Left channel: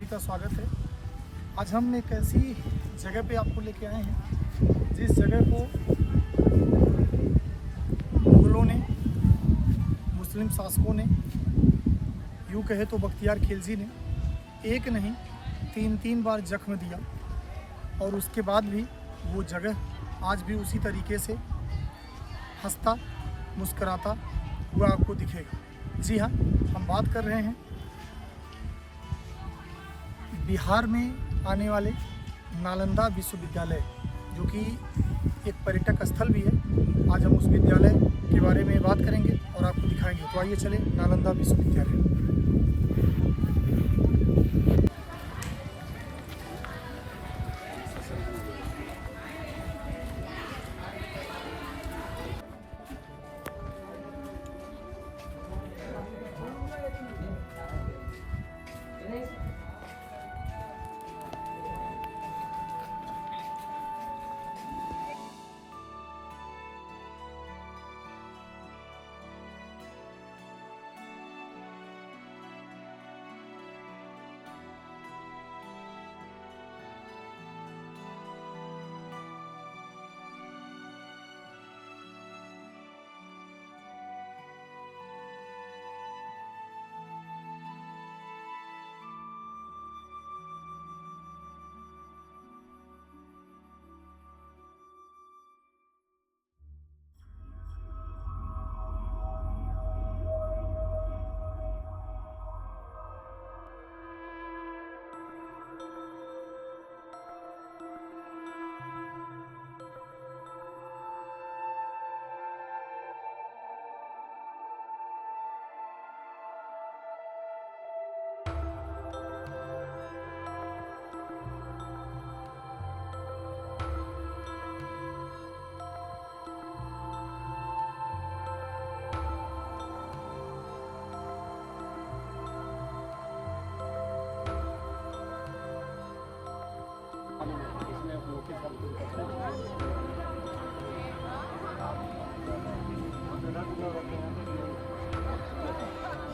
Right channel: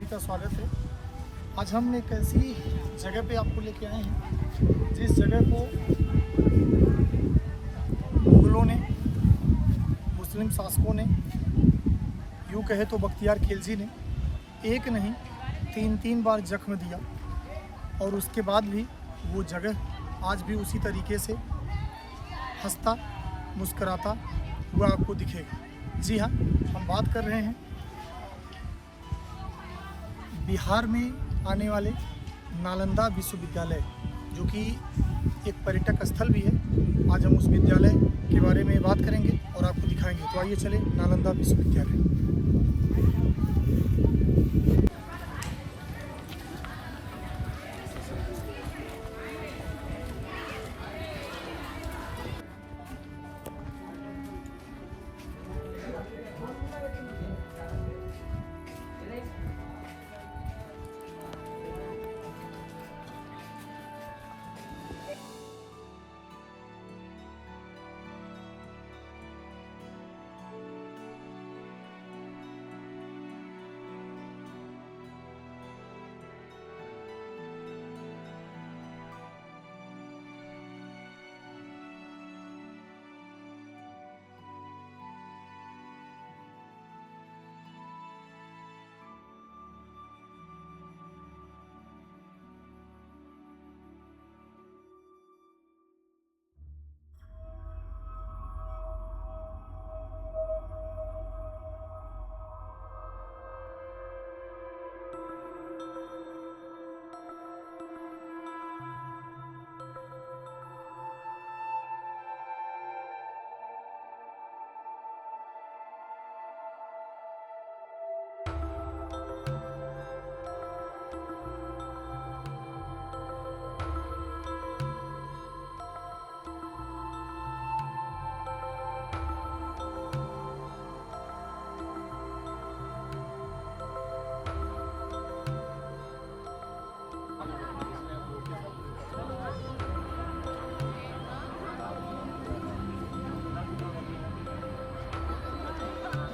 का स्वागत है। आज हम एक ऐसी जगह पे आपको लेके आए हैं जिस जगह को मुगलों ने, मुस्लिम शासकों ने, यूँ कहे तो बख्तियार खिलजी ने एक नहीं 3 बार जख्म दिया और उसके बाद भी वो जगह आज भी उसी तरीके से हंसता मुस्कराता हुआ आपको दिखेगा। जी हाँ, हम बात कर रहे हैं बिहार में आने वाले नालंदा विश्वविद्यालय, जो कि एक पर्यटक स्थल भी है। आज हम उस विद्यालय के बारे में बात करेंगे और आपको दिखाएंगे। तो आइए चले नालंदा विश्वविद्यालय।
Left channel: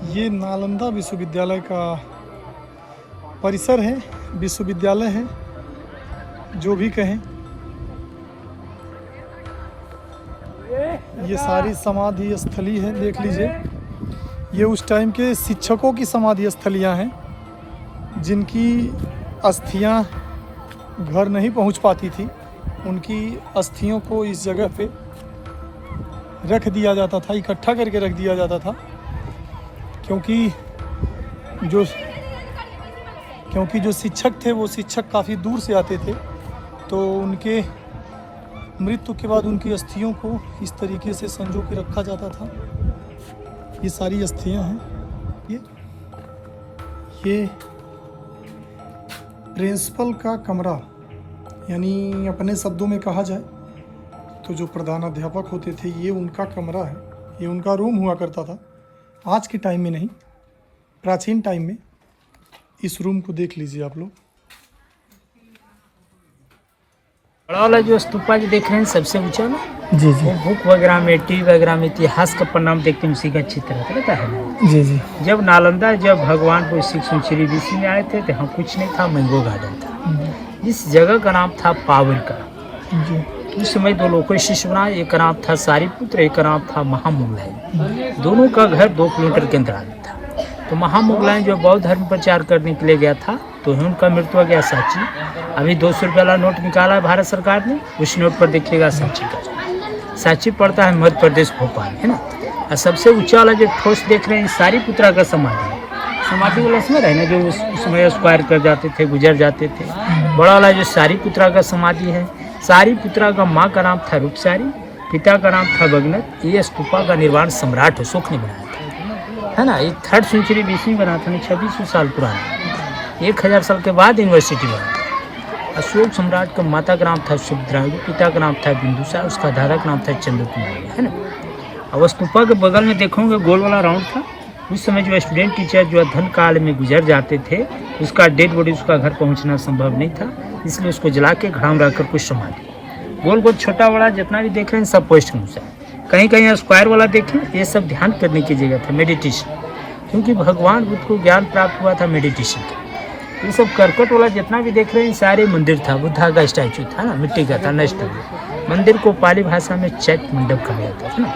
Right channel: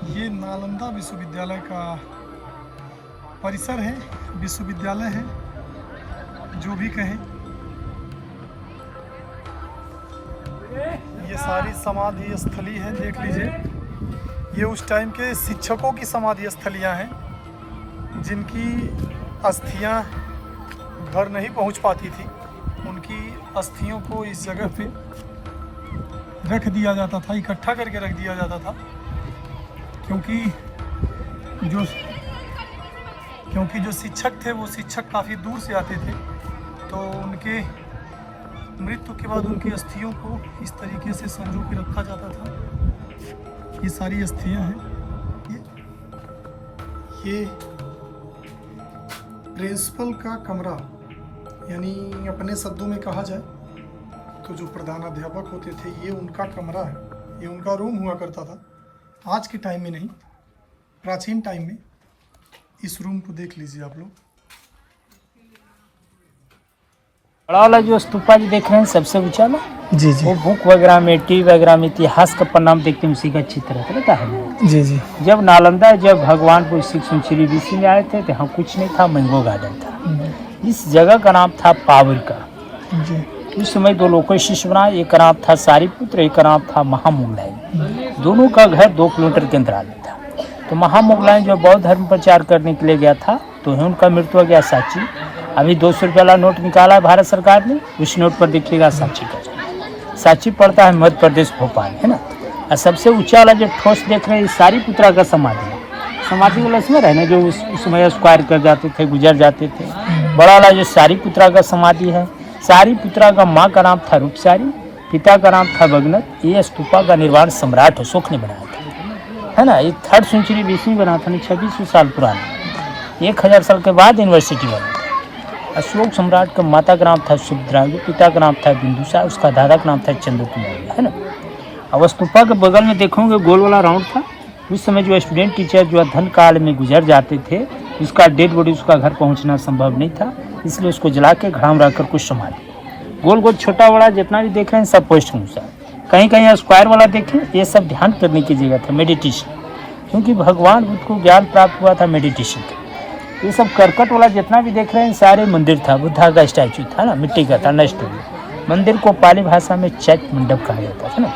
ये नालंदा विश्वविद्यालय का परिसर है, विश्वविद्यालय है, जो भी कहें। ये सारी समाधि स्थली है, देख लीजिए। ये उस टाइम के शिक्षकों की समाधि स्थलियां हैं, जिनकी अस्थियां घर नहीं पहुंच पाती थी। उनकी अस्थियों को इस जगह पे रख दिया जाता था, इकट्ठा करके रख दिया जाता था, क्योंकि जो शिक्षक थे वो शिक्षक काफ़ी दूर से आते थे, तो उनके मृत्यु के बाद उनकी अस्थियों को इस तरीके से संजो के रखा जाता था। ये सारी अस्थियां हैं। ये प्रिंसिपल का कमरा, यानी अपने शब्दों में कहा जाए तो जो प्रधानाध्यापक होते थे, ये उनका कमरा है, ये उनका रूम हुआ करता था। आज के टाइम में नहीं, प्राचीन टाइम में। इस रूम को देख लीजिए आप लोग। बड़ा वाला जो स्तूपा जो देख रहे हैं सबसे ऊंचा ना, जी जी, वो बुक वगैरह में, टीवी वगैरह में इतिहास का पन्ना देखते हैं, उसी का चित्र रहता है। जी जी, जब नालंदा, जब भगवान को 6th सेंचुरी BC में आए थे तो यहाँ कुछ नहीं था, मैंगो गार्डन था। इस जगह का नाम था पावर का। जी। उस समय 2 लोग को शिष्य बनाए, एक का नाम था सारीपुत्र, एक का नाम था महामोगलाई। दोनों का घर 2 किलोमीटर के अंतराल में था। तो महामोगलाई जो बौद्ध धर्म प्रचार करने के लिए गया था, तो उनका मृत्यु हो गया साची। अभी 200 रुपये वाला नोट निकाला है भारत सरकार ने, उस नोट पर देखिएगा साची का। साची पड़ता है मध्य प्रदेश, भोपाल, है ना। और सबसे ऊंचा वाला जो ठोस देख रहे हैं, सारीपुत्रा का समाधि है। समाधि वाला इसमें रहे ना, जो उस समय स्क्वायर कर जाते थे, गुजर जाते थे। बड़ा वाला जो सारीपुत्रा का समाधि है, सारीपुत्रा का माँ का नाम था रूपसारी, पिता का नाम था भगनत। ये स्तूपा का निर्माण सम्राट अशोक ने बनाया था, है ना। ये 3rd सेंचुरी BC में बना था, 2600 साल पुराना। 1000 साल के बाद यूनिवर्सिटी बना था। अशोक सम्राट का माता का नाम था सुभद्रा, पिता का नाम था बिंदुसार, उसका दादा का नाम था चंद्रकुमार, है ना। अब स्तूपा के बगल में देखोगे गोल वाला राउंड था। उस समय जो स्टूडेंट टीचर जो अध्ययन काल में गुजर जाते थे, उसका डेड बॉडी उसका घर पहुंचना संभव नहीं था, इसलिए उसको जला के घड़ा में रखकर कुछ समाधि। गोल गोल छोटा बड़ा जितना भी देख रहे हैं सब पोस्ट अनुसार। कहीं कहीं स्क्वायर वाला देखें, ये सब ध्यान करने की जगह था, मेडिटेशन, क्योंकि भगवान बुद्ध को ज्ञान प्राप्त हुआ था मेडिटेशन का। ये सब करकट वाला जितना भी देख रहे हैं सारे मंदिर था, बुद्धा का स्टैचू था ना, मिट्टी का था, नष्ट हो गया। मंदिर को पाली भाषा में चैत्य मंडप कहा जाता था ना।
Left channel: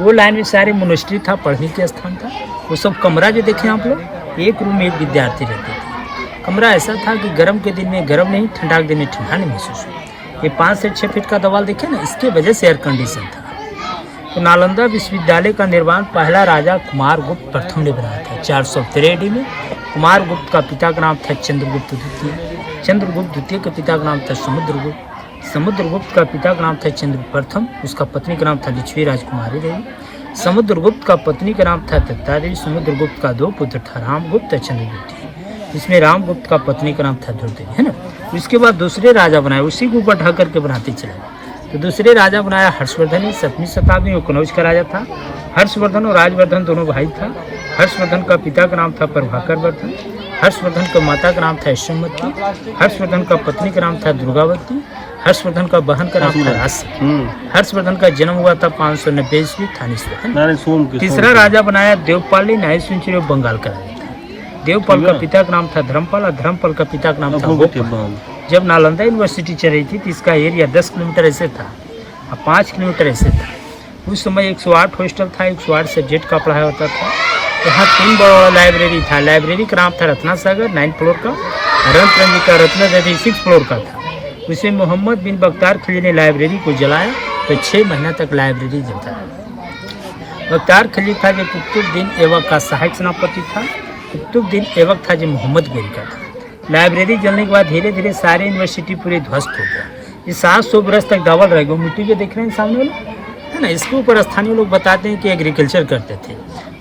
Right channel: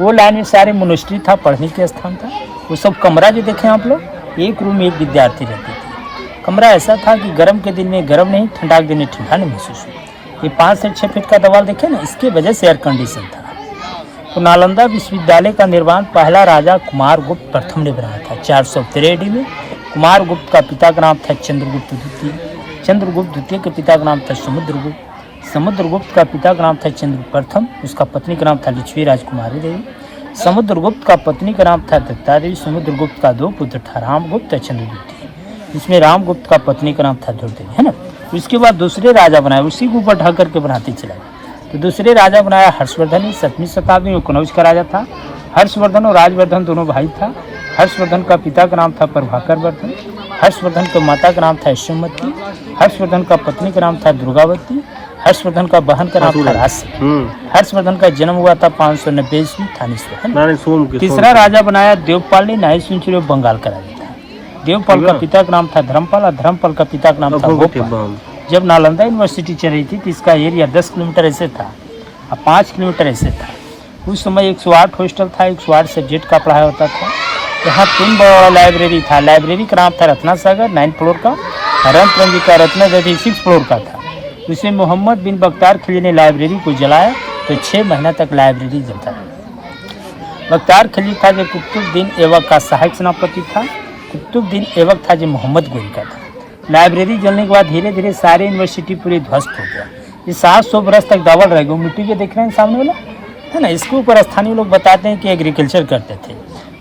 वो लाइन में सारे मोनेस्ट्री था, पढ़ने के स्थान था। वो सब कमरा जो देखें आप लोग, एक रूम में एक विद्यार्थी रहते थे। कमरा ऐसा था कि गर्म के दिन में गर्म नहीं, ठंडा के दिन में ठंडा नहीं महसूस हुआ। ये 5 से 6 फीट का दीवार देखे ना, इसके वजह से एयर कंडीशन था। तो नालंदा विश्वविद्यालय का निर्माण पहला राजा कुमार गुप्त प्रथम ने बनाया था 413 AD में। कुमार गुप्त का पिता का नाम था चंद्रगुप्त द्वितीय। चंद्रगुप्त द्वितीय के पिता का नाम था समुद्रगुप्त। समुद्रगुप्त का पिता का नाम था चंद्र प्रथम। उसका पत्नी का नाम था लिच्छवी राजकुमारी देवी। समुद्रगुप्त का पत्नी का नाम था दत्ता देवी। समुद्रगुप्त का 2 पुत्र था, रामगुप्त और चंद्रगुप्त। इसमें रामगुप्त का पत्नी का नाम था ध्रुवदेवी, है ना। इसके बाद दूसरे राजा बनाए, उसी के ऊपर ढक करके बनाते चले गए। तो दूसरे राजा बनाया हर्षवर्धन। 7वीं शताब्दी में कनौज का राजा था। हर्षवर्धन और राजवर्धन दोनों भाई था। हर्षवर्धन का पिता का नाम था प्रभाकर वर्धन। हर्षवर्धन का माता का नाम था यशोमती। हर्षवर्धन का पत्नी का नाम था दुर्गावती। हर्षवर्धन का बहन का नाम था राशि। हर्षवर्धन का जन्म हुआ था 590 ईस्वी थानेश्वर। तीसरा राजा बनाया देवपाल ने 9वीं सेंचुरी में बंगाल का राजा था। देवपाल का पिता का नाम था धर्मपाल और धर्मपाल का पिता का नाम था गोपाल। जब नालंदा यूनिवर्सिटी चल रही थी तो इसका एरिया 10 किलोमीटर ऐसे था और 5 किलोमीटर ऐसे था। उस समय 108 हॉस्टल था, 108 सब्जेक्ट का पढ़ाई होता था। यहाँ 3 बड़ा लाइब्रेरी था। लाइब्रेरी का नाम था रत्ना सागर 9 फ्लोर का, रंतरंजी का रत्ना देवी 6 फ्लोर का था। उसे मोहम्मद बिन बख्तियार खिलजी ने लाइब्रेरी को जलाया तो 6 महीना तक लाइब्रेरी जलता रहा। बख्तियार खिलजी था जो कुतुबुद्दीन ऐबक का सहायक सेनापति था। कुतुबुद्दीन ऐबक था जो मोहम्मद गोरी का था। लाइब्रेरी जलने के बाद धीरे धीरे सारे यूनिवर्सिटी पूरी ध्वस्त हो गया। ये 700 बरस तक डबल रह गया। मिट्टी जो देख रहे हैं सामने वाला, है ना, इसके ऊपर स्थानीय लोग बताते हैं कि एग्रीकल्चर करते थे।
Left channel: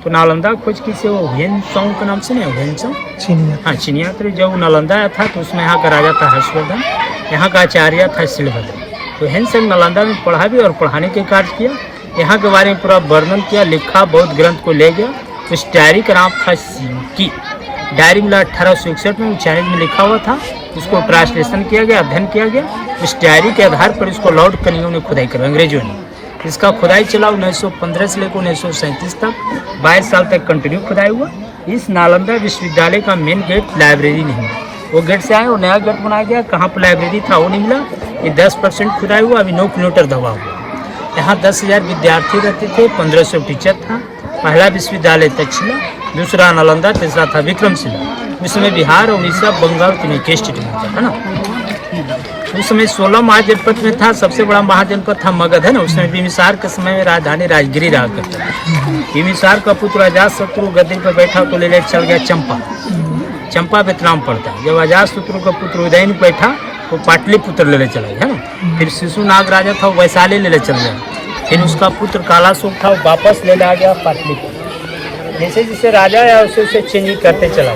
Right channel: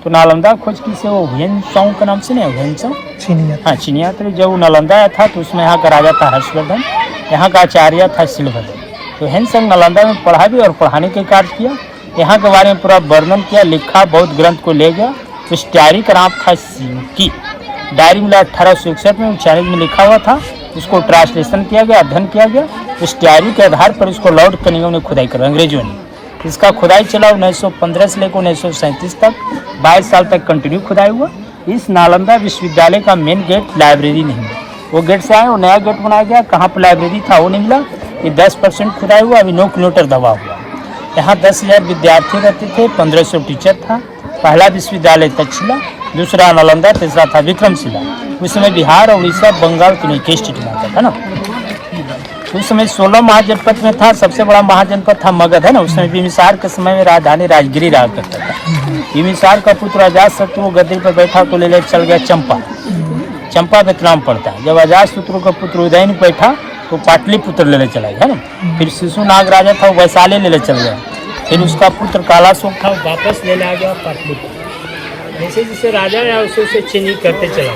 तो नालंदा खोज की से वो हुएनसांग का नाम सुने, हुएनसांग चीनिया, हाँ चीनिया। तो जब वो नालंदा आया था तो उसमें यहाँ का राजा था हर्षवर्धन, यहाँ का आचार्य था शिलभद्र। तो हुएनसांग नालंदा में पढ़ा भी और पढ़ाने के कार्य किया। यहाँ के बारे में पूरा वर्णन किया, लिखा, बौद्ध ग्रंथ को ले गया। उस डायरी का नाम था की डायरी मिला 1861 में चाइनीज में लिखा हुआ था। उसको ट्रांसलेशन किया गया, अध्ययन किया गया। इस डायरी के आधार पर इसको लॉर्ड कनिंघम ने खुदाई करा, अंग्रेजों ने। इसका खुदाई चला 1915 से लेकर 1937 तक, 22 साल तक कंटिन्यू खुदाई हुआ। इस नालंदा विश्वविद्यालय का मेन गेट लाइब्रेरी नहीं है, वो गेट से आए, वो नया गेट बनाया गया। कहाँ पर लाइब्रेरी था वो नहीं मिला। ये 10% खुदाई हुआ, अभी 9 किलोमीटर दबा हुआ। यहाँ 10,000 विद्यार्थी रहते थे, 1500 टीचर था। पहला विश्वविद्यालय तक्षशिला, दूसरा नालंदा, तीसरा था विक्रमशिला। उस समय बिहार और उड़ीसा, बंगाल तीनों के स्टेट में आता था ना। उस समय 16 महाजनपद में था। सबसे बड़ा महाजनपद था मगध, है ना। उसमें बिम्बिसार के समय में राजधानी राजगिरी रहा करता था। बिम्बिसार का पुत्र अजातशत्रु गद्दी पर बैठा तो ले चल गया चंपा। चंपा वियतनाम पड़ता है। जब अजातशत्रु का पुत्र उदयन बैठा तो पाटलिपुत्र ले चला गया, है ना। फिर शिशुनाग राजा था, वो वैशाली ले चल गया। फिर उसका पुत्र कालाशोक था, वो वापस ले आ गया पाटलिपुत्र। जैसे जैसे राजा आया उसे उसे चेंज करते चला।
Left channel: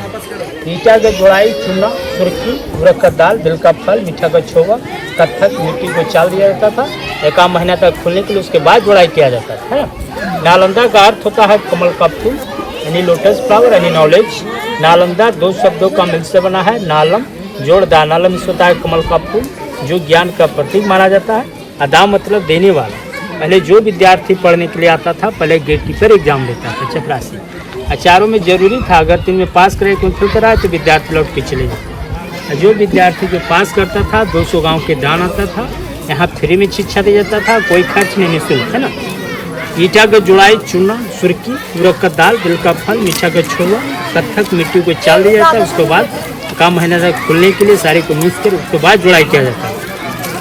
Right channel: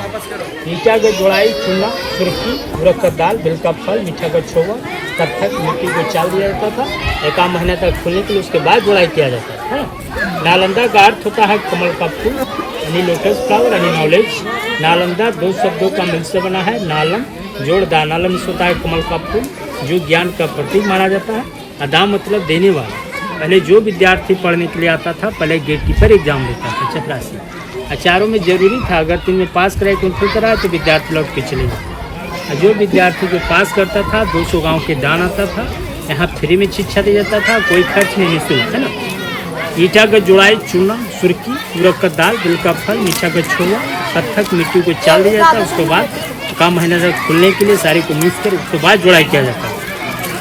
ईटा का जोड़ाई, चूना, सुर्खी, उड़द का दाल, दिल का फल, मीठा का छोवा, कत्थक, मिट्टी को चाल दिया जाता था। 1 महीना तक खुलने के लिए, उसके बाद जोड़ाई किया जाता था। नालंदा का अर्थ होता है कमल का फूल, यानी लोटस फ्लावर, यानी नॉलेज। नालंदा 2 शब्दों का मिल से बना है, नालम जोड़दार। नालम से होता है कमल का फूल, जो ज्ञान का प्रतीक माना जाता है। अदा मतलब देने वाला। पहले जो विद्यार्थी पढ़ने के लिए आता था, पहले गेट कीपर एग्जाम देता था, चपरासी। आचारों में जरूरी था, अगर 3 में पास करे, कंप्यूटर आए तो विद्यार्थी लौट के चले जाते। जो विद्यार्थी जो पास करता था 200 गांव के दान आता था। यहाँ फ्री में शिक्षा दी जाता था, कोई खर्च नहीं, निःशुल्क, है ना। ईटा का जुड़ाई, चूना, सुर्खी, उड़द का दाल, दिल का फल, मीठा का छोवा, कत्थक, मिट्टी को चाल दिया जाता है। उसके बाद 1 महीना तक खुलने के लिए सारे को मिक्स कर उसके बाद जुड़ाई किया जाता है।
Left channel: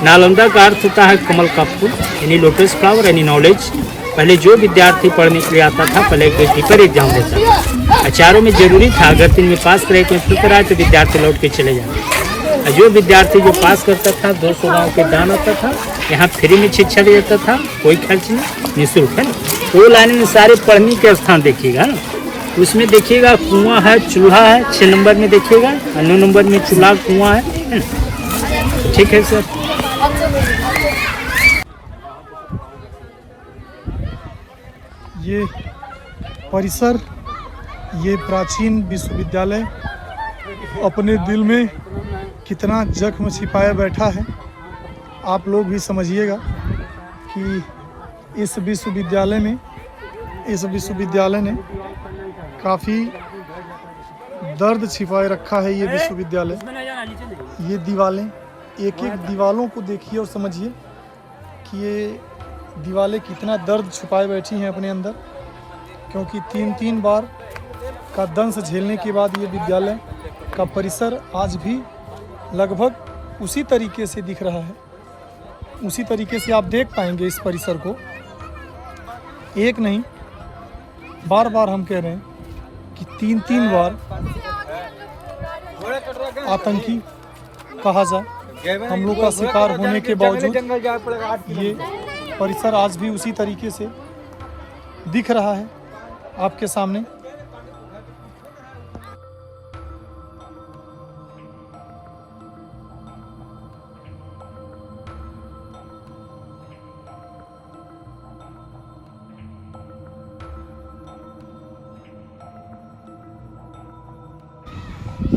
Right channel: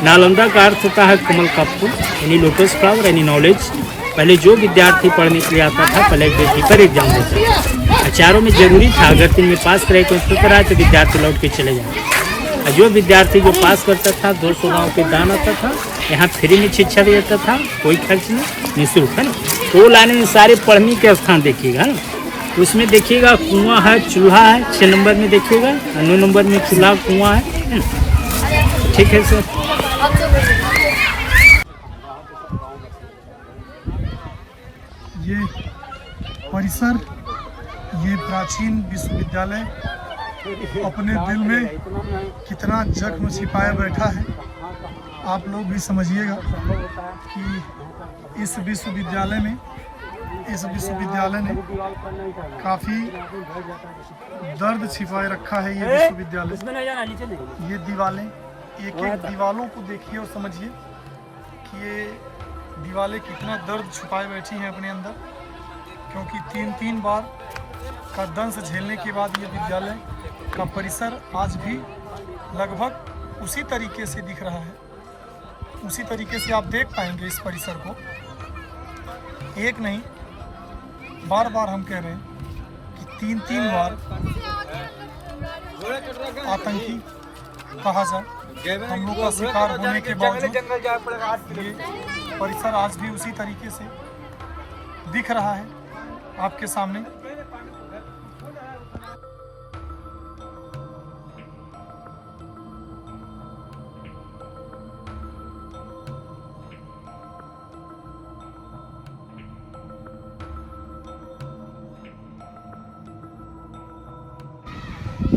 नालंदा का अर्थ होता है कमल का फूल, यानी लोटस फ्लावर, यानी नॉलेज। पहले जो विद्यार्थी पढ़ने के लिए आता था, पहले गेट कीपर एग्जाम देता। आचारों में जरूरी था, अगर 3 में पास करे, कंप्यूटर आए तो विद्यार्थी लौट के चले जाते। जो विद्यार्थी जो पास करता था 200 गाँव के दान आता था। यहाँ फ्री में शिक्षा दिया जाता था, कोई खर्च नहीं, निःशुल्क, है ना। 2 लाइन में सारे पढ़ने के स्थान देखिएगा ना। उसमें देखिएगा कुआं है, चूल्हा है। 6 नंबर में देखिएगा, 9 नंबर में चूल्हा, कुआं है। ठीक है सर। ये परिसर, ये प्राचीन विश्वविद्यालय अपने दिल में कितना जख्म छिपाया बैठा है। आप लोग भी समझिएगा कि इस विश्वविद्यालय ने काफ़ी दर्द छिपाए रखा है। ये विश्वविद्यालय, ये दीवारें, एक एक दीवारों को देखिए और समझिए कि ये दीवारें कितना दर्द छुपाए बैठी हैं अपने अंदर, क्योंकि 3 बार का दंश झेलने के बाद ये विद्यालय का परिसर आज भी लगभग उसी तरीके से दिख रहा है। उसी तरीके से आप देख पाएंगे इस परिसर को। एक नहीं, बार बार हम कह रहे हैं कि 3 बार आतंकी कहा जा हमलों का शिकार होने के बावजूद ये परिसर आज भी उसी तरीके से दिख रहा है आपके सामने।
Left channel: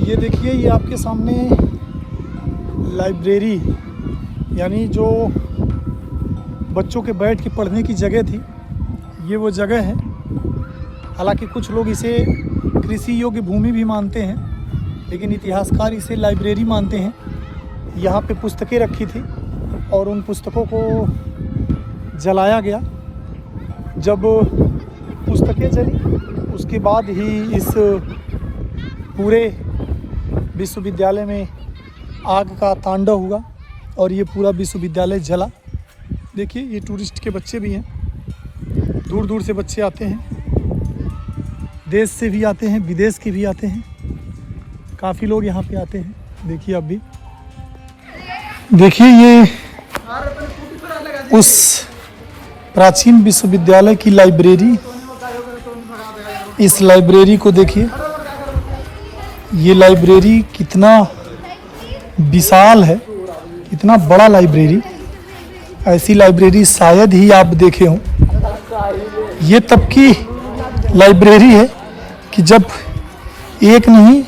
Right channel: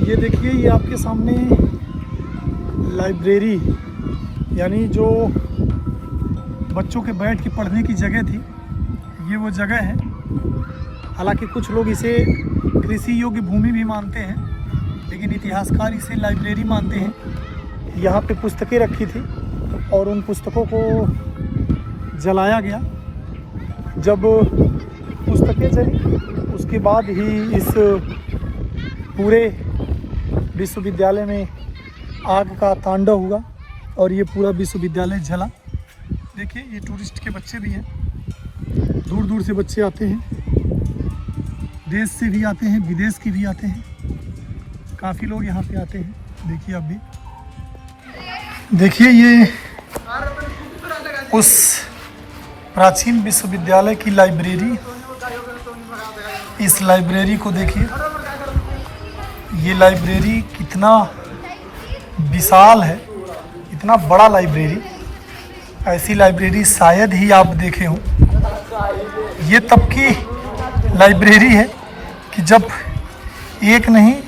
ये देखिए, ये आपके सामने लाइब्रेरी, यानी जो बच्चों के बैठ के पढ़ने की जगह थी, ये वो जगह है। हालांकि कुछ लोग इसे कृषि योग्य भूमि भी मानते हैं, लेकिन इतिहासकार इसे लाइब्रेरी मानते हैं। यहाँ पे पुस्तकें रखी थी और उन पुस्तकों को जलाया गया। जब पुस्तकें जली उसके बाद ही इस पूरे विश्वविद्यालय में आग का तांडव हुआ और ये पूरा विश्वविद्यालय जला। देखिए, ये टूरिस्ट के बच्चे भी हैं, दूर दूर से बच्चे आते हैं, देश से भी आते हैं, विदेश के भी आते हैं, काफ़ी लोग यहाँ पे आते हैं। देखिए, आप भी देखिए, ये उस प्राचीन विश्वविद्यालय की लाइब्रेरी, इस लाइब्रेरी को देखिए। ये लाइब्रेरी कितना विशाल है, इतना बड़ा लाइब्रेरी, ऐसी लाइब्रेरी शायद ही आप देखे हों। ये तब की लाइब्रेरी है कि जब एक नहीं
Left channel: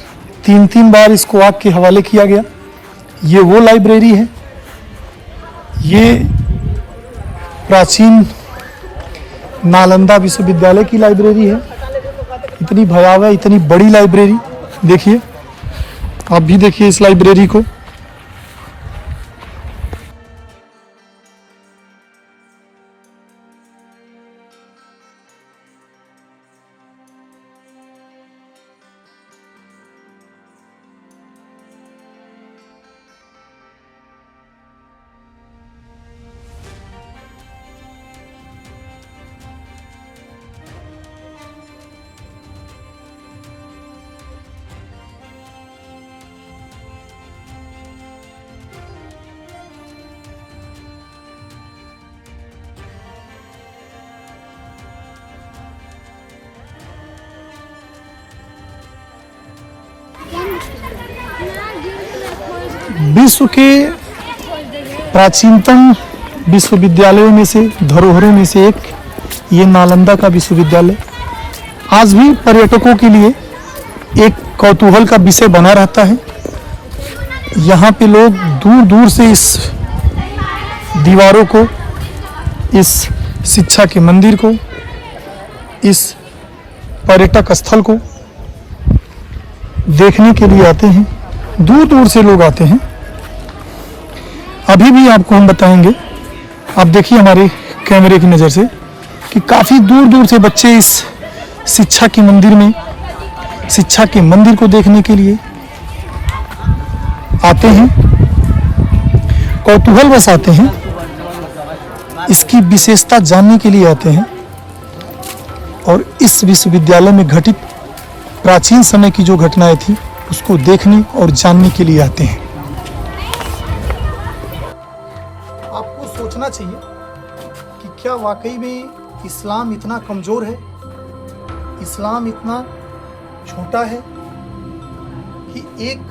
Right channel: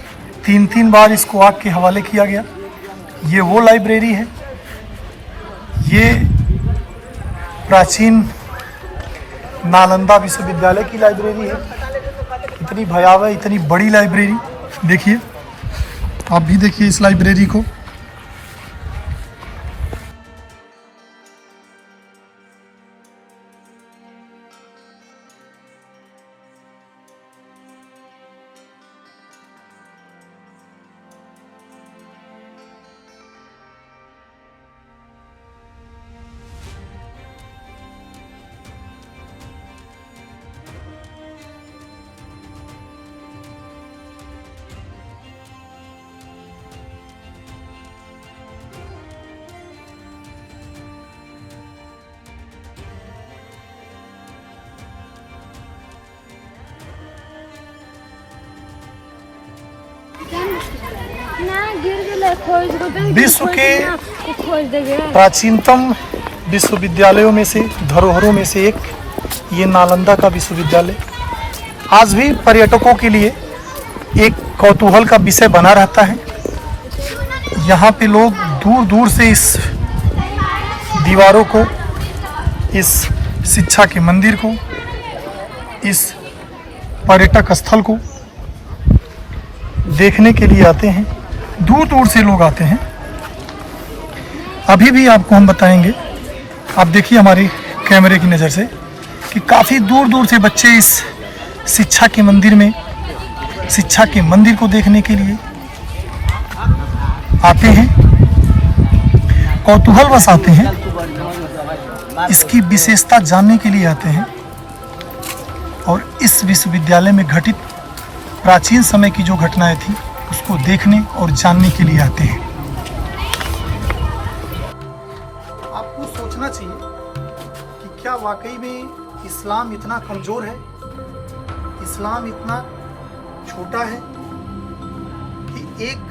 3 बार इसको आग के हवाले किया गया। ये वो लाइब्रेरी है, ये प्राचीन नालंदा विश्वविद्यालय की लाइब्रेरी है। इतनी भयावह, इतनी बड़ी लाइब्रेरी। देखिए, आप भी देखिए इस लाइब्रेरी को। विश्व के प्राचीनतम विश्वविद्यालयों में से, धरोहरों में से एक ये नालंदा का विश्वविद्यालय आज भी पर्यटकों के लिए एक कौतूहल का विषय बना रहता है। यहाँ पे लोग दूर दूर से इस दीवारों को, इस शिक्षा के मंदिर को, इस पर्यटक स्थल को देखने के लिए आते हैं। दूर दूर से लोग आते हैं। अभी भी आपको हम बताएंगे, आप देखिए हमारे कैमरे की नज़र से, कि काफ़ी दूर दूर से बच्चे इस शिक्षा के मंदिर में, शिक्षा के मंदिर को देखने के लिए आते हैं, कौतूहलवश आते हैं, इसकी विशेषता जानने के लिए आते हैं और इस विश्वविद्यालय में घटित प्राचीन समय की जो घटनाएं थी उसको देखने और जानने के लिए आते हैं। आपको सोचना चाहिए कि क्या वाकई में इस्लाम इतना कमजोर है, इस्लाम इतना छोटा है कि एक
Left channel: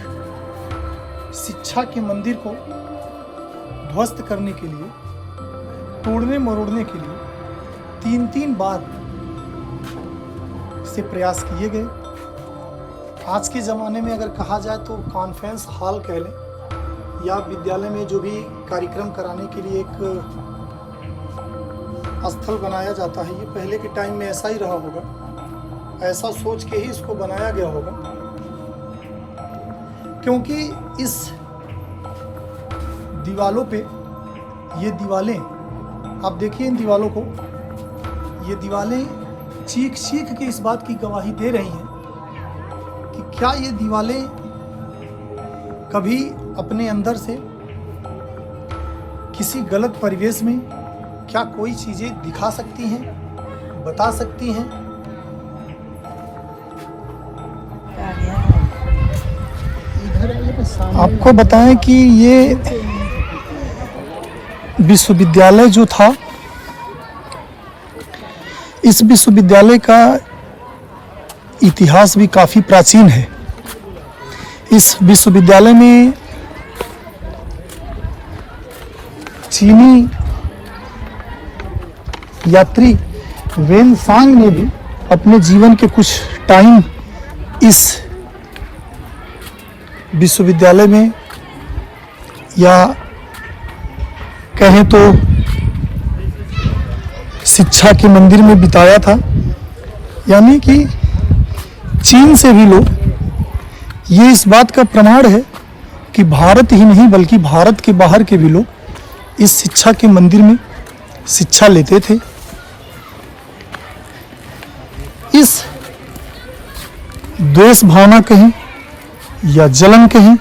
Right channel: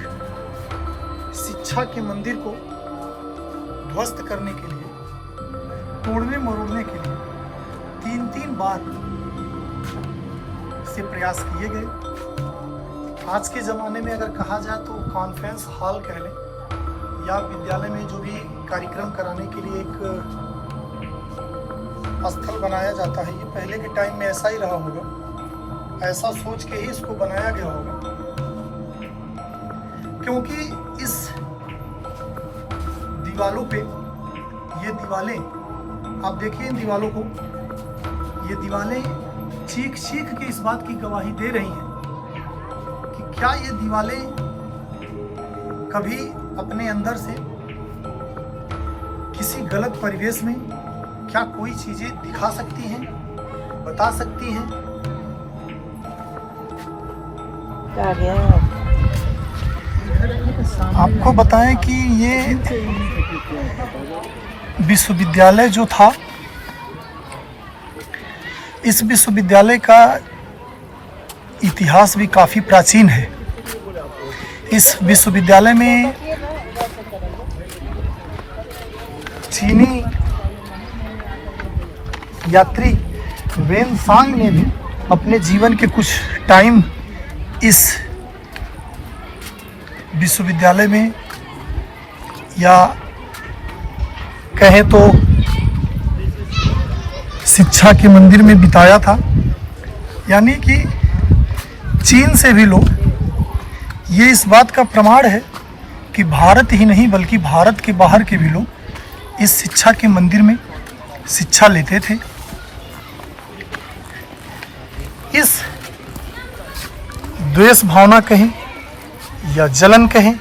शिक्षा के मंदिर को ध्वस्त करने के लिए, तोड़ने मरोड़ने के लिए 3 बार से प्रयास किए गए। आज के ज़माने में अगर कहा जाए तो कॉन्फ्रेंस हॉल कह लें, या विद्यालय में जो भी कार्यक्रम कराने के लिए एक स्थल बनाया जाता है, ये पहले के टाइम में ऐसा ही रहा होगा, ऐसा सोच के ही इसको बनाया गया होगा। क्योंकि इस दीवालों पे, ये दीवालें आप देखिए, इन दीवालों को, ये दीवालें चीख चीख के इस बात की गवाही दे रही हैं कि क्या ये दीवालें कभी अपने अंदर से किसी गलत परिवेश में क्या कोई चीजें दिखा सकती हैं, बता सकती हैं। आपको बताएं कि ये विश्वविद्यालय जो था, इस विश्वविद्यालय का इतिहास भी काफ़ी प्राचीन है। इस विश्वविद्यालय में चीनी यात्री वेनसांग ने भी अपने जीवन के कुछ टाइम इस विश्वविद्यालय में, या कहें तो शिक्षा के मंदिर में बिताया था। यानी कि चीन से भी लोग, ये इस बात का प्रमाण है कि भारत ही नहीं बल्कि भारत के बाहर के भी लोग इस शिक्षा के मंदिर में शिक्षा लेते थे। इस द्वेष भावना कहें या जलन कहें,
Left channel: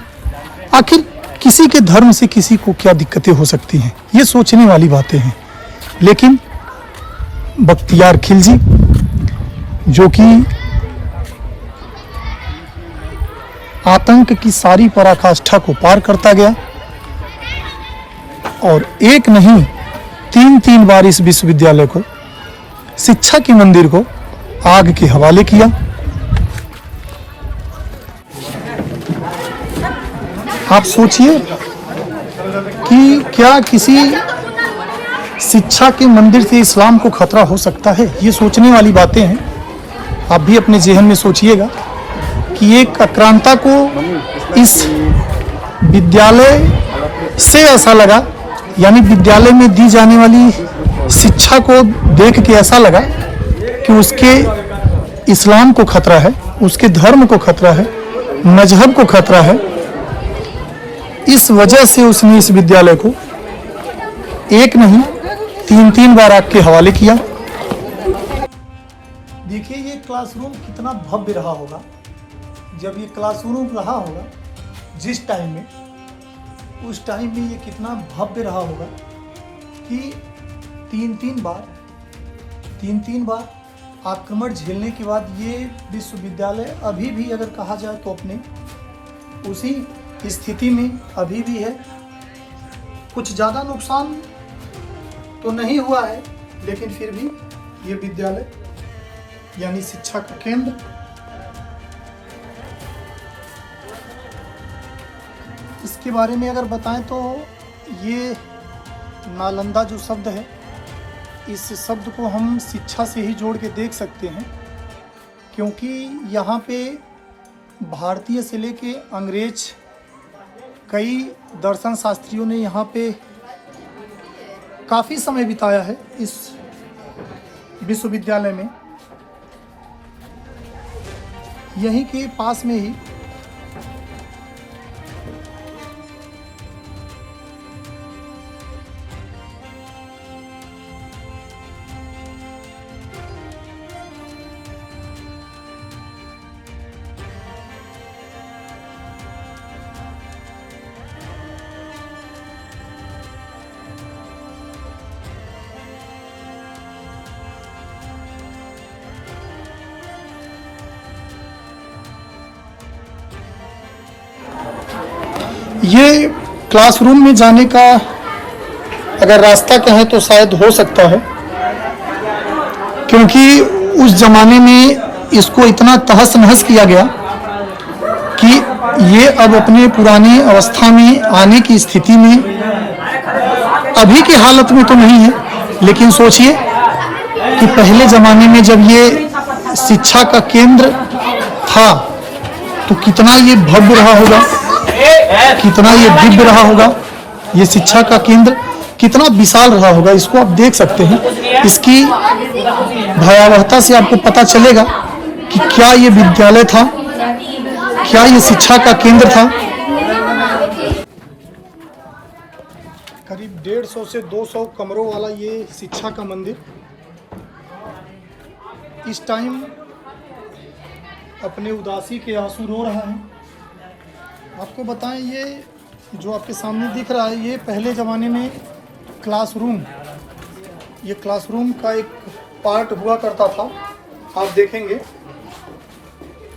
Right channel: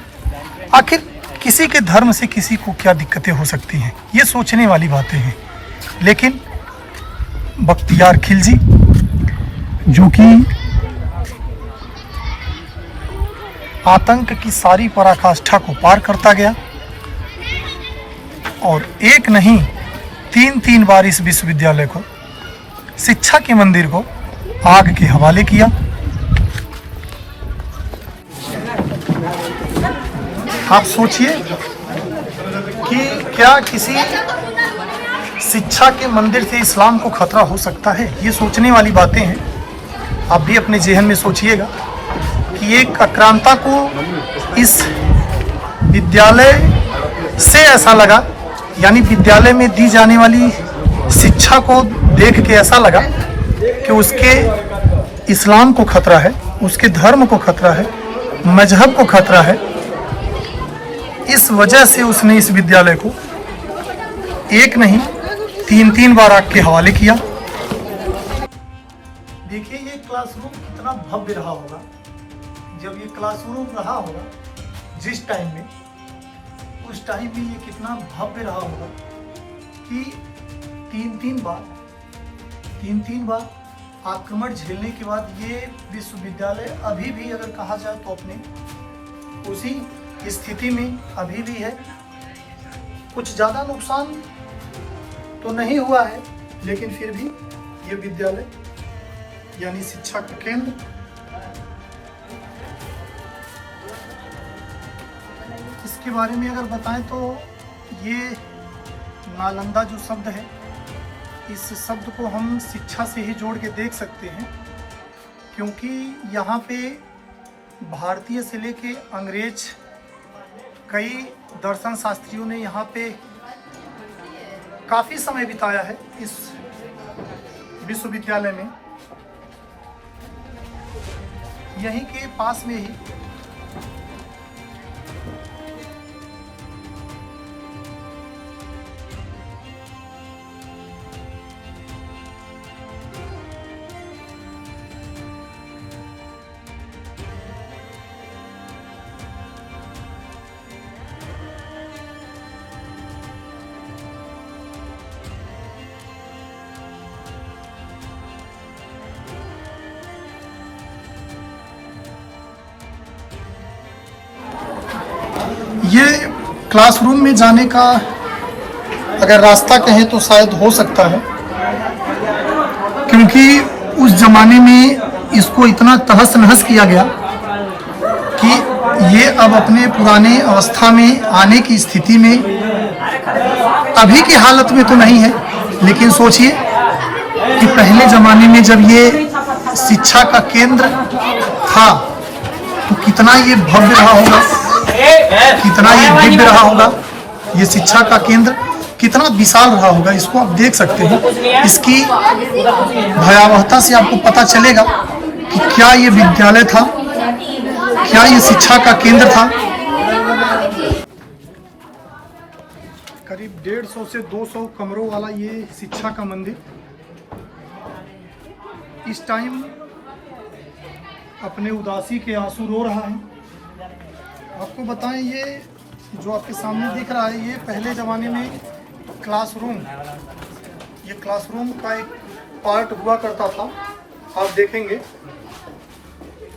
आखिर किसी के धर्म से किसी को क्या दिक्कतें हो सकती हैं, ये सोचने वाली बातें हैं। लेकिन बख्तियार खिलजी, जो कि आतंक की सारी पराकाष्ठा को पार करता गया और एक नहीं 3 बार इस विश्वविद्यालय को, शिक्षा के मंदिर को आग के हवाले किया। आप सोचिए कि क्या किसी शिक्षा के मंदिर से इस्लाम को खतरा हो सकता है? ये सोचने वाली बातें हैं। आप भी अपने जेहन में सोचिएगा कि एक आक्रांता को इस विद्यालय से ऐसा लगा, यानी विद्यालय में दी जाने वाली शिक्षा को देख के ऐसा लगा कि उसके इस्लाम को खतरा है, उसके धर्म को खतरा है, मजहब को खतरा है। इस वजह से उसने इस विद्यालय को एक नहीं 3 बार आग के हवाले किया। देखिए ये क्लासरूम कितना भव्य रहा होगा। जब ये क्लासरूम रहा होगा जिस टाइम में, उस टाइम में ये कितना भव्य रहा होगा कि 3 बार आक्रमण झेलने के बाद ये विश्वविद्यालय अभी भी अगर कहा जाए तो अपने उसी स्थिति में अभी भी है। कुछ ज़्यादा नुकसान तो नहीं हुआ है, लेकिन फिर भी ये विद्यालय यानी शिक्षा का केंद्र, इसके बारे में अगर बताएं तो ये नालंदा जो शब्द है, इस शब्द को हम शिक्षा से ही जोड़ के देख सकते हैं, क्योंकि यहाँ पे भारतीय से लेके अंग्रेज कई दर्शन शास्त्रियों ने यहाँ पे काफ़ी समय बिताया है इस विश्वविद्यालय में। यहीं के पास में ही ये क्लासरूम में जाने का अगर रास्ता कहें तो शायद हो सकता है, क्योंकि उस जमाने में इसको इतना तहस नहस किया गया कि ये अब अपने पुराने अवस्था में आने की स्थिति में अभी की हालत में तो नहीं है। लेकिन सोचिए कि पहले ज़माने में जब ये शिक्षा का केंद्र था तो कितना ये भव्य रहा होगा, कितना ये दिव्य रहा होगा ये शिक्षा का केंद्र, कितना विशाल रहा होगा, इसको आप देख सकते हैं। इसकी भयावहता से आपको पता चलेगा कि क्या ये विद्यालय था, क्या ये शिक्षा का केंद्र था। करीब 150 से 200 कमरों वाला ये शिक्षा का मंदिर इस टाइम अपने उदासी के आंसू रो रहा है। आपको बताएं, ये जो आपके सामने दिख रहा है, ये पहले ज़माने में क्लासरूम, ये क्लासरूम का एक पार्ट हुआ करता था। आप देखेंगे,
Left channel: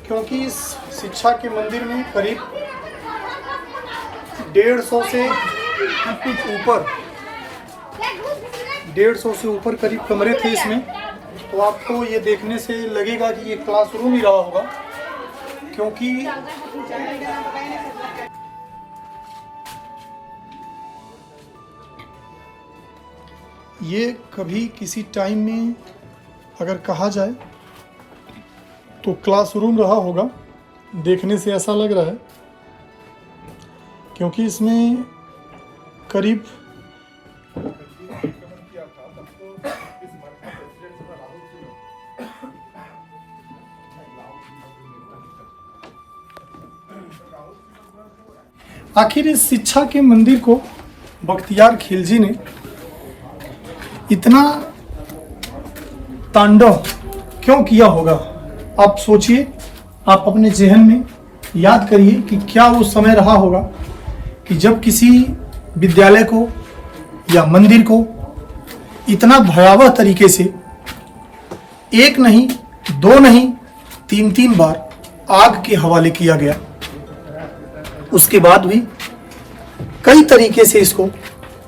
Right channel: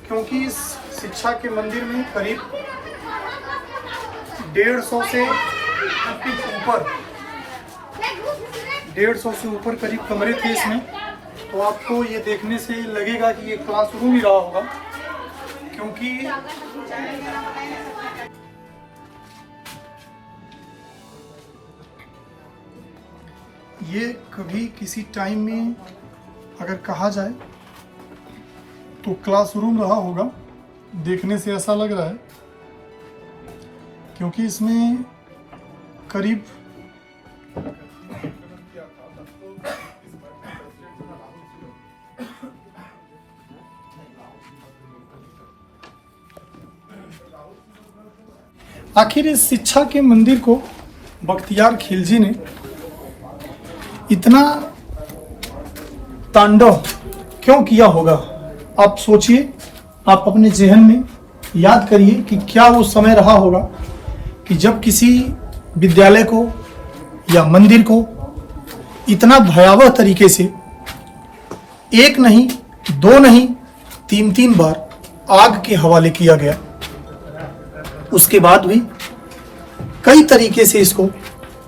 क्योंकि इस शिक्षा के मंदिर में करीब 150 से ऊपर 150 से ऊपर करीब कमरे थे इसमें। तो आपको ये देखने से लगेगा कि ये क्लासरूम ही रहा होगा, क्योंकि ये कभी किसी टाइम में अगर कहा जाए तो क्लासरूम रहा होगा। देखने से ऐसा लग रहा है, क्योंकि इसमें करीब आखिर इस शिक्षा के मंदिर को बख्तियार खिलजी ने इतना तांडव क्यों किया होगा? आप सोचिए, आप अपने ज़हन में याद करिए कि क्या वो समय रहा होगा कि जब किसी विद्यालय को या मंदिर को इतना भयावह तरीके से एक नहीं, दो नहीं, तीन बार आग के हवाले किया गया। उसके बाद भी कई तरीके से इसको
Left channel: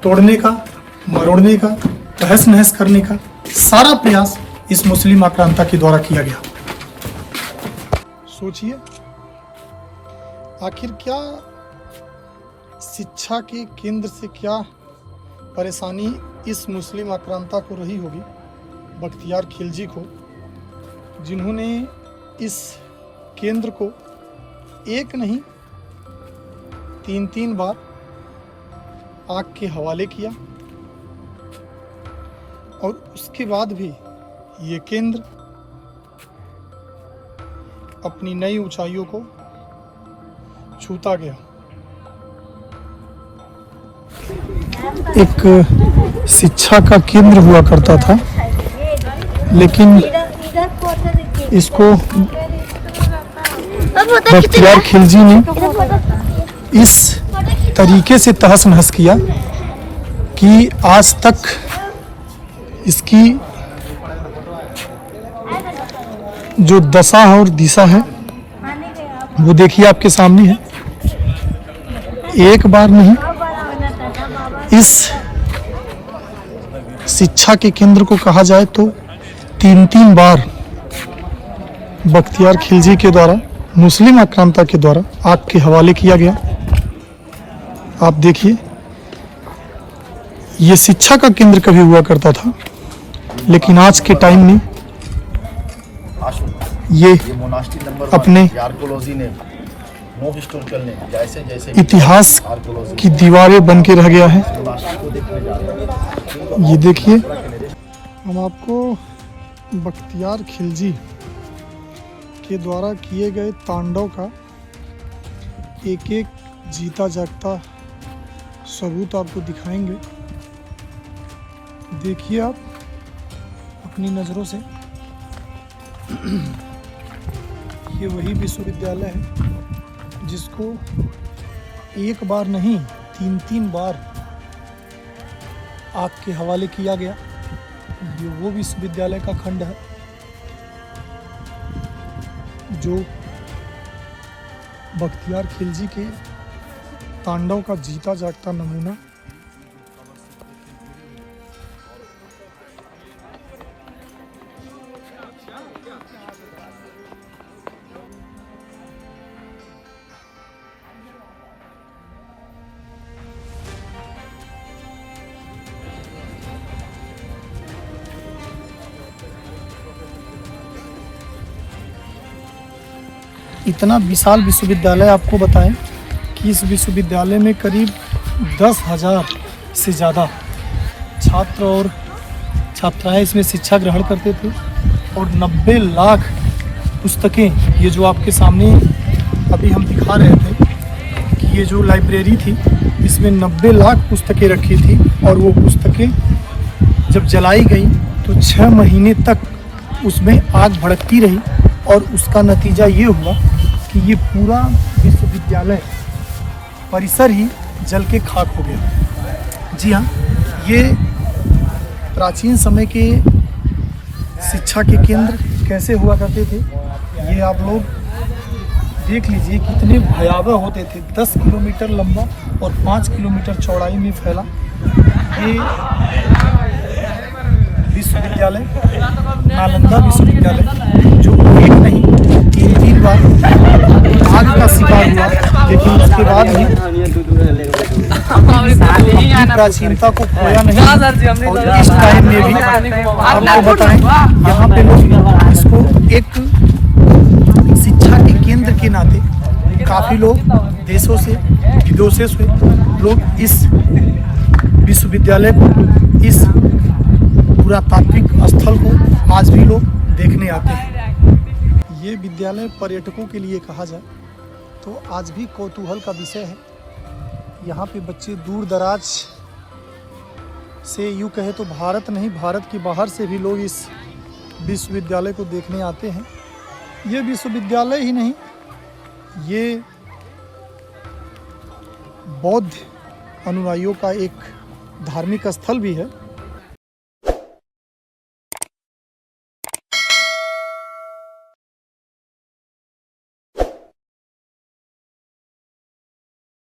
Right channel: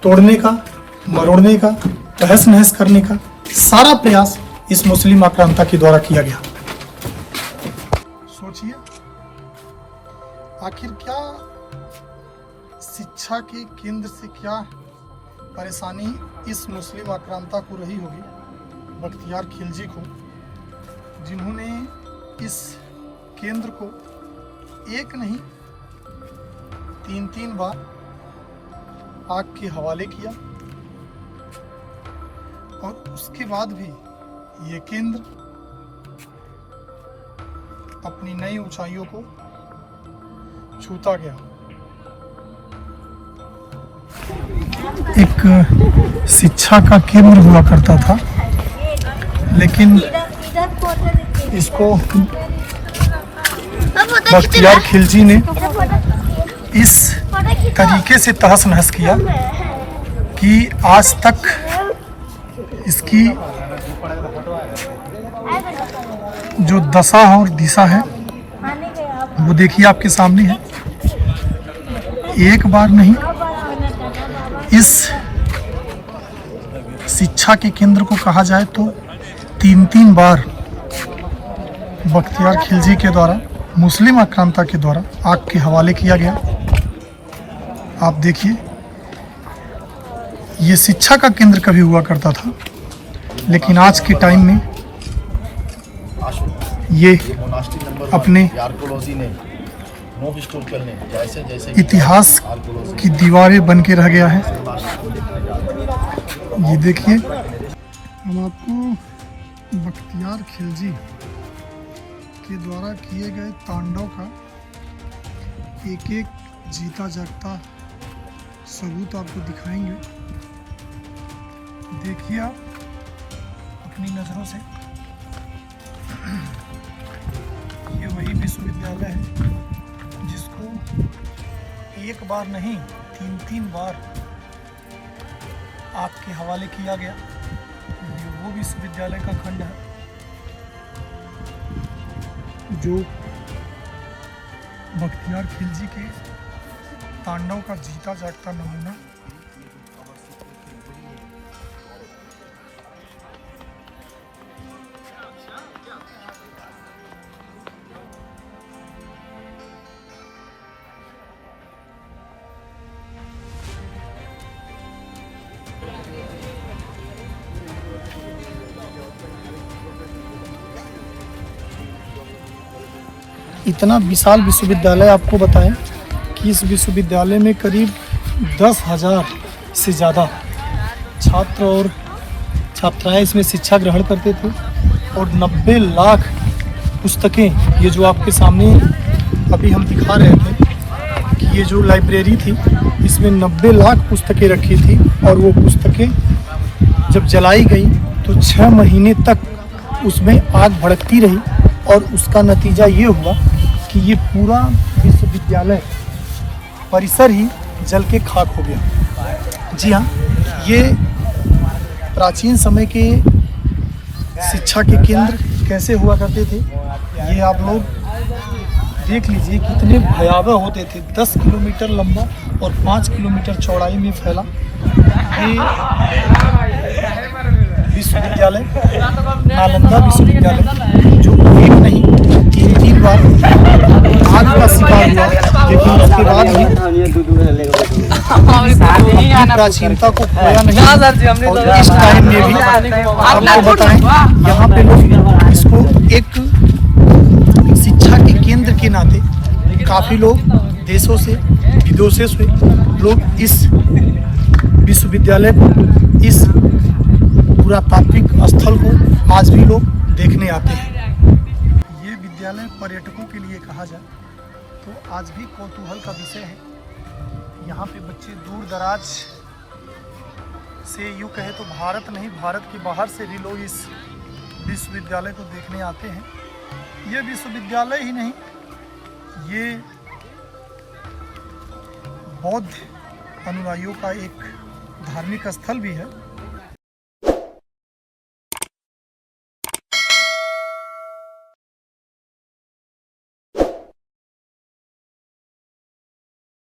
तोड़ने का, मरोड़ने का, तहस नहस करने का सारा प्रयास इस मुस्लिम आक्रांता के द्वारा किया गया। सोचिए, आखिर क्या शिक्षा के केंद्र से क्या परेशानी इस मुस्लिम आक्रांता को रही होगी, बख्तियार खिलजी को, जिन्होंने इस केंद्र को एक नहीं, तीन बार आग के हवाले किया। और उसके बाद भी ये केंद्र अपनी नई ऊंचाइयों को छूता गया। एक शिक्षा का केंद्र हुआ करता था, लेकिन इसको बख्तियार खिलजी ने इस तरीके से तहस नहस किया कि आज तक इसकी जो दशा है और दिशा है वो देखिए आपके सामने है। एक बार नहीं, इस शिक्षा के केंद्र को कहा जाए तो तीन बार बख्तियार खिलजी के द्वारा, मुस्लिम आक्रांता के द्वारा आग के हवाले किया गया। आप देखिए, ये शिक्षा का केंद्र कभी हुआ करता था, लेकिन आज के टाइम में ये अपने इतिहास की दीवारें बन के रह गया है। ये देखिए, हम आपको बख्तियार खिलजी के द्वारा किए गए तांडव का एक एक जीता जागता सबूत आपको दिखाएंगे। देखिए आप अपनी नज़रों से, ये वही विश्वविद्यालय है जिसको एक बार नहीं, तीन बार आग के हवाले किया गया। ये वो विश्वविद्यालय का खंड है जो बख्तियार खिलजी के तांडव का जीता जागता नमूना। इतना विशाल विश्वविद्यालय, आपको बताएं कि इस विश्वविद्यालय में करीब 10,000 से ज़्यादा छात्र और छात्राएं इसमें शिक्षा ग्रहण करते थे और 90 लाख पुस्तकें, ये जो आपके सामने अभी हम दिखा रहे थे कि ये जो लाइब्रेरी थी इसमें 90 लाख पुस्तकें रखी थी और वो पुस्तकें जब जलाई गई तो 6 महीने तक उसमें आग भड़कती रही और उसका नतीजा ये हुआ कि ये पूरा विश्वविद्यालय परिसर ही जल के खाक हो गया। जी हाँ, ये प्राचीन समय के शिक्षा के केंद्र कैसे हुआ करते थे ये आप लोग देख लीजिए, कितने भयावह होते थे। 10 किलोमीटर लंबा और 5 किलोमीटर चौड़ाई में फैला ये विश्वविद्यालय, नालंदा विश्वविद्यालय, जो एक नहीं 3 बार आग का शिकार हुआ, लेकिन उसके बाद भी अपनी प्राचीनता को खोया नहीं। और इस टाइम में भी आपको बताएं, यहाँ पे लोग इसको एक शिक्षा के केंद्र के नाते काफ़ी लोग देशों से, विदेशों से लोग इस विश्वविद्यालय को, इस पुरातात्विक स्थल को आज भी लोग देखने आते हैं। ये विद्यालय पर्यटकों के लिए कहा जाए तो आज भी कौतूहल का विषय है। यहाँ पे बच्चे दूर दराज से, यूँ कहे तो भारत नहीं, भारत के बाहर से भी लोग इस विश्वविद्यालय को देखने आते हैं। ये विश्वविद्यालय ही नहीं, ये बौद्ध अनुयायियों का एक धार्मिक स्थल भी है।